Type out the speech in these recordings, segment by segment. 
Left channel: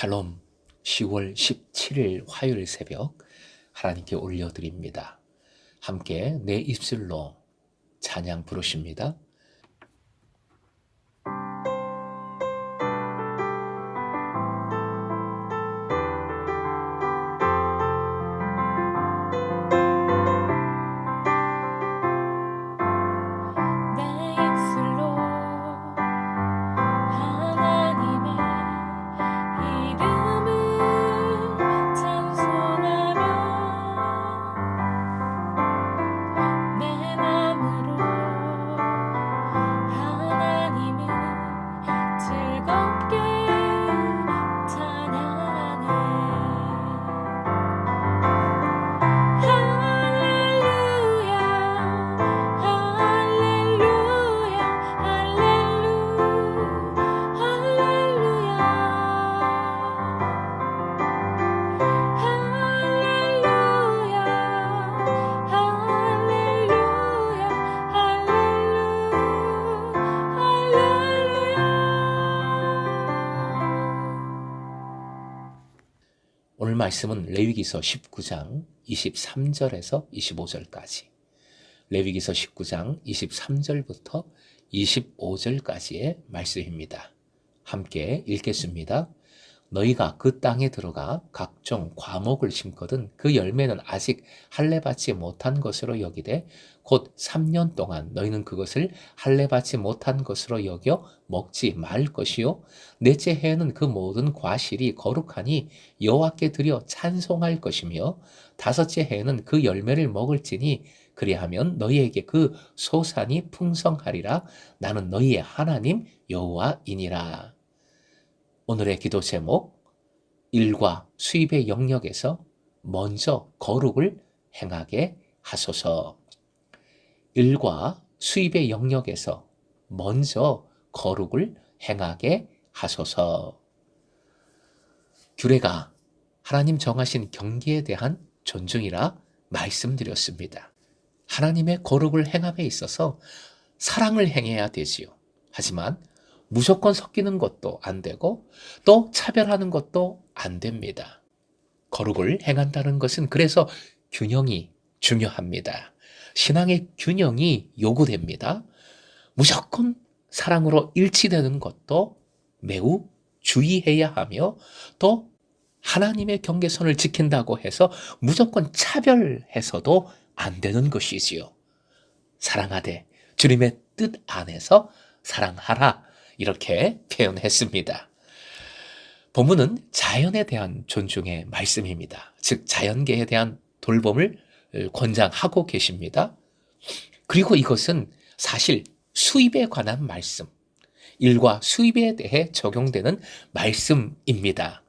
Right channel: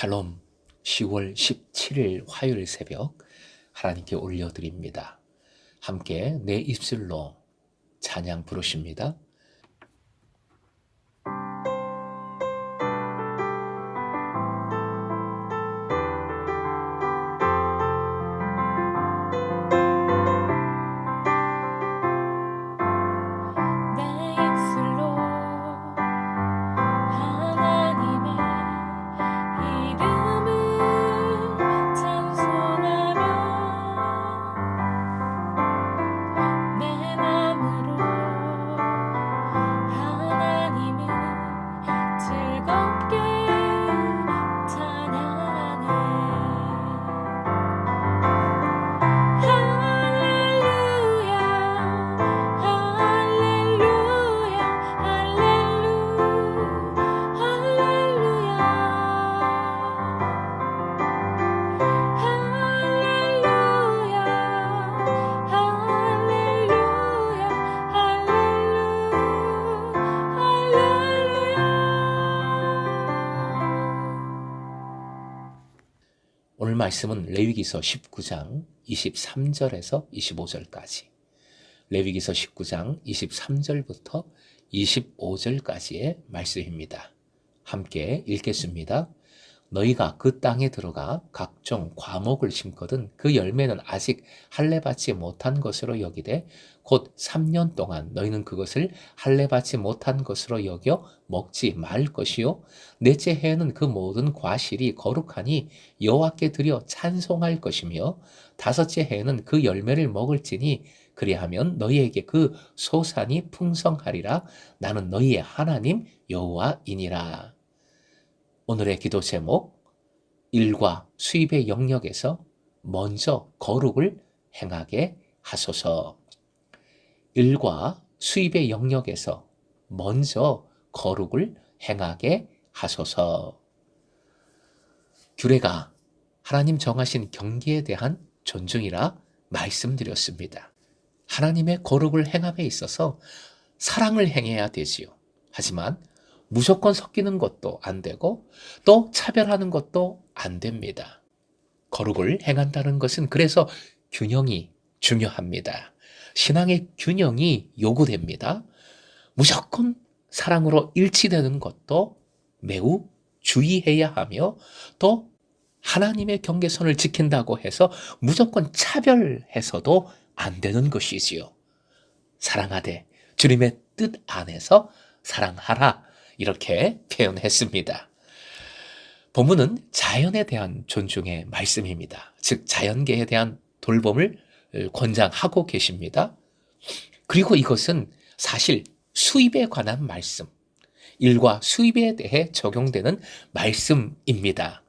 샬롬. 10월 17일 화요일 새벽 하나님께 올려드립니다. 함께 내 입술로 찬양 부르십니다. 오늘 말씀은 레위기서 19장 23절에서 25절까지, 레위기서 19장 23절부터 25절까지의 말씀입니다. 함께 읽겠습니다. 너희가 그 땅에 들어가 각종 과목을 심거든 그 열매는 아직 할례받지 못한 것으로 여기되 곧 3년 동안 너희는 그것을 할례받지 못한 것으로 여겨 먹지 말 것이요 넷째 해에는 그 모든 과실이 거룩하니 여호와께 드려 찬송할 것이며 다섯째 해에는 그 열매를 먹을지니 그리하면 너희에게 그 소산이 풍성하리라. 나는 너희의 하나님 여호와이니라. 오늘의 기도 제목, 일과 수입의 영역에서 먼저 거룩을 행하게 하소서. 일과 수입의 영역에서 먼저 거룩을 행하게 하소서. 규례가 하나님 정하신 경계에 대한 존중이라 말씀드렸습니다. 하나님의 거룩을 행함에 있어서 사랑을 행해야 되지요. 하지만 무조건 섞이는 것도 안 되고 또 차별하는 것도 안 됩니다. 거룩을 행한다는 것은 그래서 균형이 중요합니다. 신앙의 균형이 요구됩니다. 무조건 사랑으로 일치되는 것도 매우 주의해야 하며 또 하나님의 경계선을 지킨다고 해서 무조건 차별해서도 안 되는 것이지요. 사랑하되 주님의 뜻 안에서 사랑하라. 이렇게 표현했습니다. 본문은 자연에 대한 존중의 말씀입니다. 즉 자연계에 대한 돌봄을 권장하고 계십니다. 그리고 이것은 사실 수입에 관한 말씀, 일과 수입에 대해 적용되는 말씀입니다.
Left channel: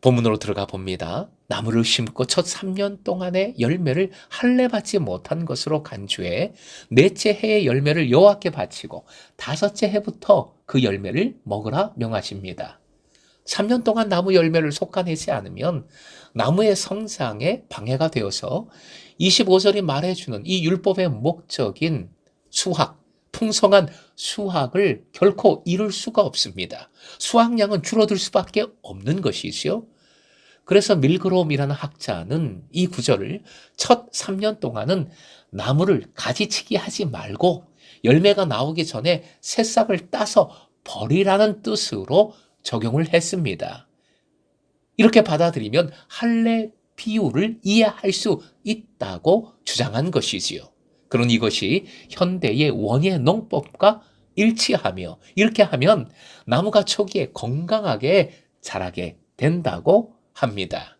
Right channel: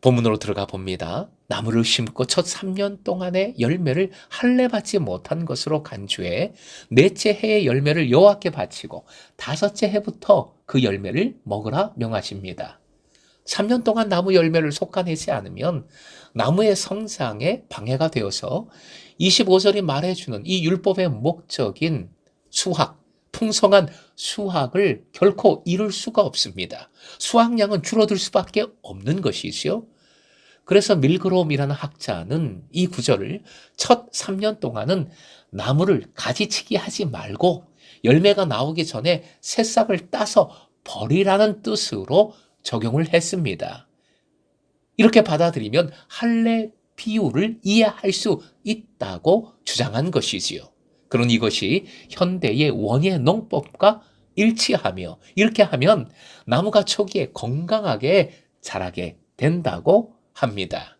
본문으로 들어가 봅니다. 나무를 심고 첫 3년 동안의 열매를 할례받지 못한 것으로 간주해 넷째 해의 열매를 여호와께 바치고 다섯째 해부터 그 열매를 먹으라 명하십니다. 3년 동안 나무 열매를 솎아내지 않으면 나무의 성장에 방해가 되어서 25절이 말해주는 이 율법의 목적인 수확, 풍성한 수확을 결코 이룰 수가 없습니다. 수확량은 줄어들 수밖에 없는 것이지요. 그래서 밀그롬이라는 학자는 이 구절을 첫 3년 동안은 나무를 가지치기 하지 말고 열매가 나오기 전에 새싹을 따서 버리라는 뜻으로 적용을 했습니다. 이렇게 받아들이면 할례 비유를 이해할 수 있다고 주장한 것이지요. 그런 이것이 현대의 원예 농법과 일치하며 이렇게 하면 나무가 초기에 건강하게 자라게 된다고 합니다.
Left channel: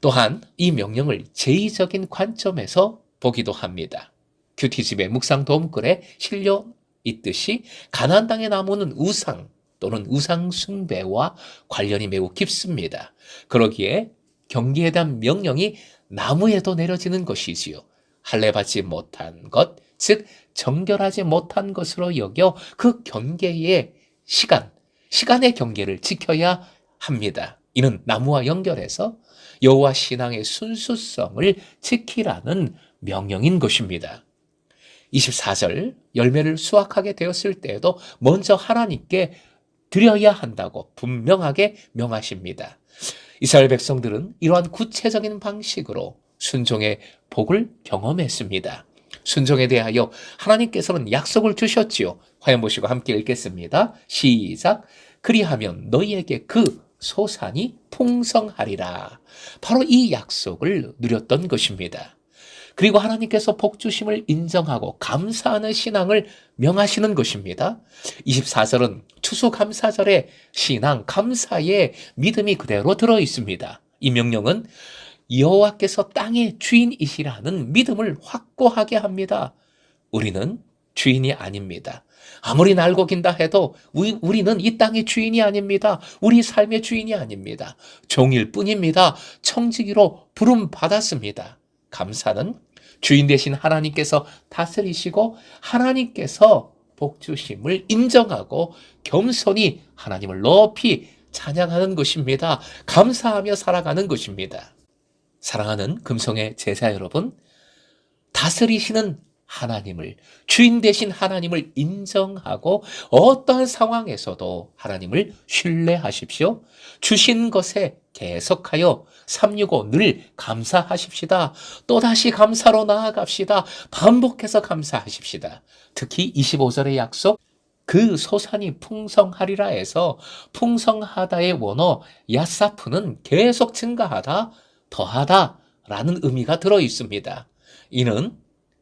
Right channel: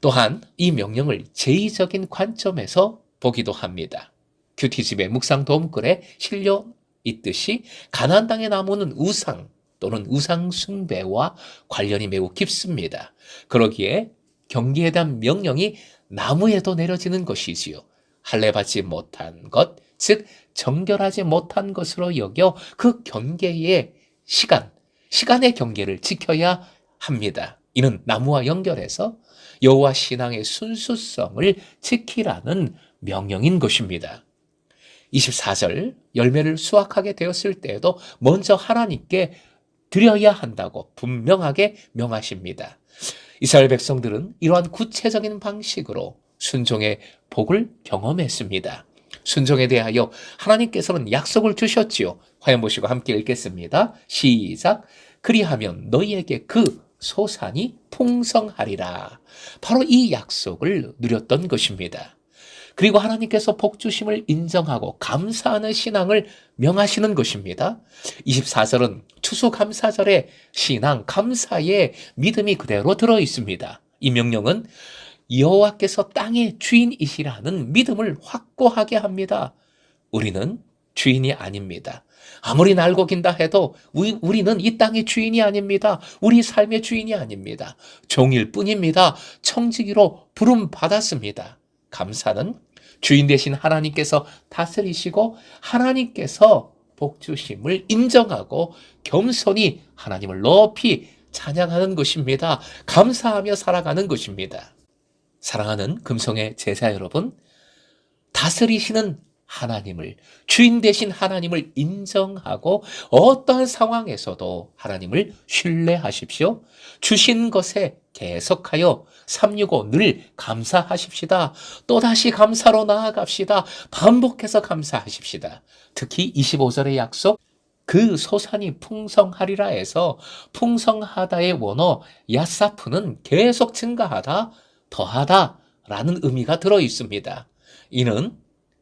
또한 이 명령을 제의적인 관점에서 보기도 합니다. 큐티집의 묵상 도움글에 실려 있듯이 가나안 땅의 나무는 우상 또는 우상 숭배와 관련이 매우 깊습니다. 그러기에 경계에 대한 명령이 나무에도 내려지는 것이지요. 할례받지 못한 것, 즉 정결하지 못한 것으로 여겨 그 경계의 시간의 경계를 지켜야 합니다. 이는 나무와 연결해서 여호와 신앙의 순수성을 지키라는 명령인 것입니다. 24절 열매를 수확하게 되었을 때에도 먼저 하나님께 드려야 한다고 분명하게 명하십니다. 이스라엘 백성들은 이러한 구체적인 방식으로 순종의 복을 경험했습니다. 순종에 대하여 하나님께서는 약속을 주셨지요. 화면 보시고 함께 읽겠습니다. 시작. 그리하면 너희에게 그 소산이 풍성하리라. 바로 이 약속을 누렸던 것입니다. 그리고 하나님께서 복 주심을 인정하고 감사하는 신앙을 명하시는 것입니다. 24절은 추수감사절의 신앙, 감사의 믿음이 그대로 들어 있습니다. 이 명령은 여호와께서 땅의 주인이시라는 믿음을 확고하게 합니다. 우리는 주인이 아닙니다. 아무리 날고 긴다 해도 우리는 이 땅의 주인이 아닙니다. 우리 삶의 주인이 아닙니다. 종일 뿐입니다. 청지기로 부름받았습니다. 감사는 주인 되신 하나님께서 다스리시고 하나님께서 복주심을 인정하고 겸손히 하나님을 높이 찬양하는 것입니다. 감사하며 살아가는 것입니다. 사랑하는 금송의 제자 여러분, 다스리시는 하나님을, 주인 되신 하나님을 인정하고 어떠한 상황에서도 하나님을 신뢰하십시오. 주신 것에 계속하여 365 늘 감사하십시다. 또다시 감사로 나아갑시다. 반복해서 감사하십시다. 특히 25절의 약속, 그 소산이 풍성하리라 해서 풍성하다의 원어 야사프는 계속 증가하다, 더하다 라는 의미가 들어 있습니다. 이는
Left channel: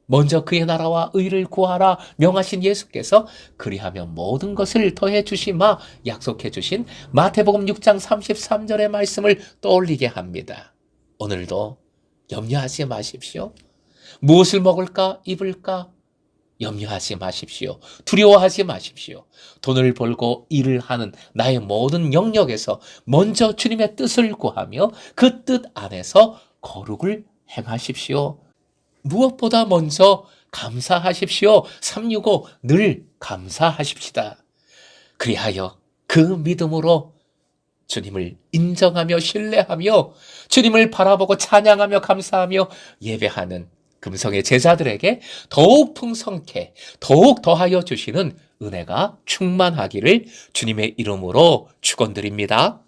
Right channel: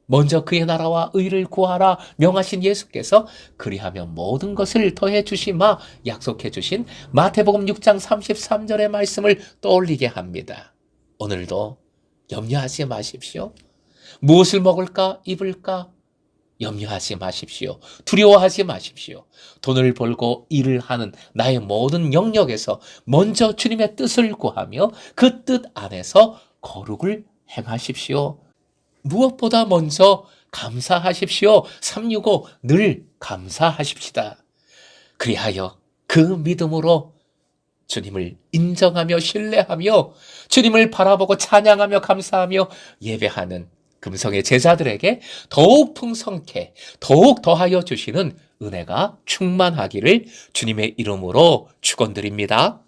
먼저 그의 나라와 의를 구하라 명하신 예수께서 그리하면 모든 것을 더해 주시마 약속해 주신 마태복음 6장 33절의 말씀을 떠올리게 합니다. 오늘도 염려하지 마십시오. 무엇을 먹을까 입을까 염려하지 마십시오. 두려워하지 마십시오. 돈을 벌고 일을 하는 나의 모든 영역에서 먼저 주님의 뜻을 구하며 그 뜻 안에서 거룩을 행하십시오. 무엇보다 먼저 감사하십시오. 365 늘 감사하십시다. 그리하여 그 믿음으로 주님을 인정하며 신뢰하며 주님을 바라보고 찬양하며 감사하며 예배하는 금성의 제자들에게 더욱 풍성케 더욱 더하여 주시는 은혜가 충만하기를 주님의 이름으로 축원드립니다.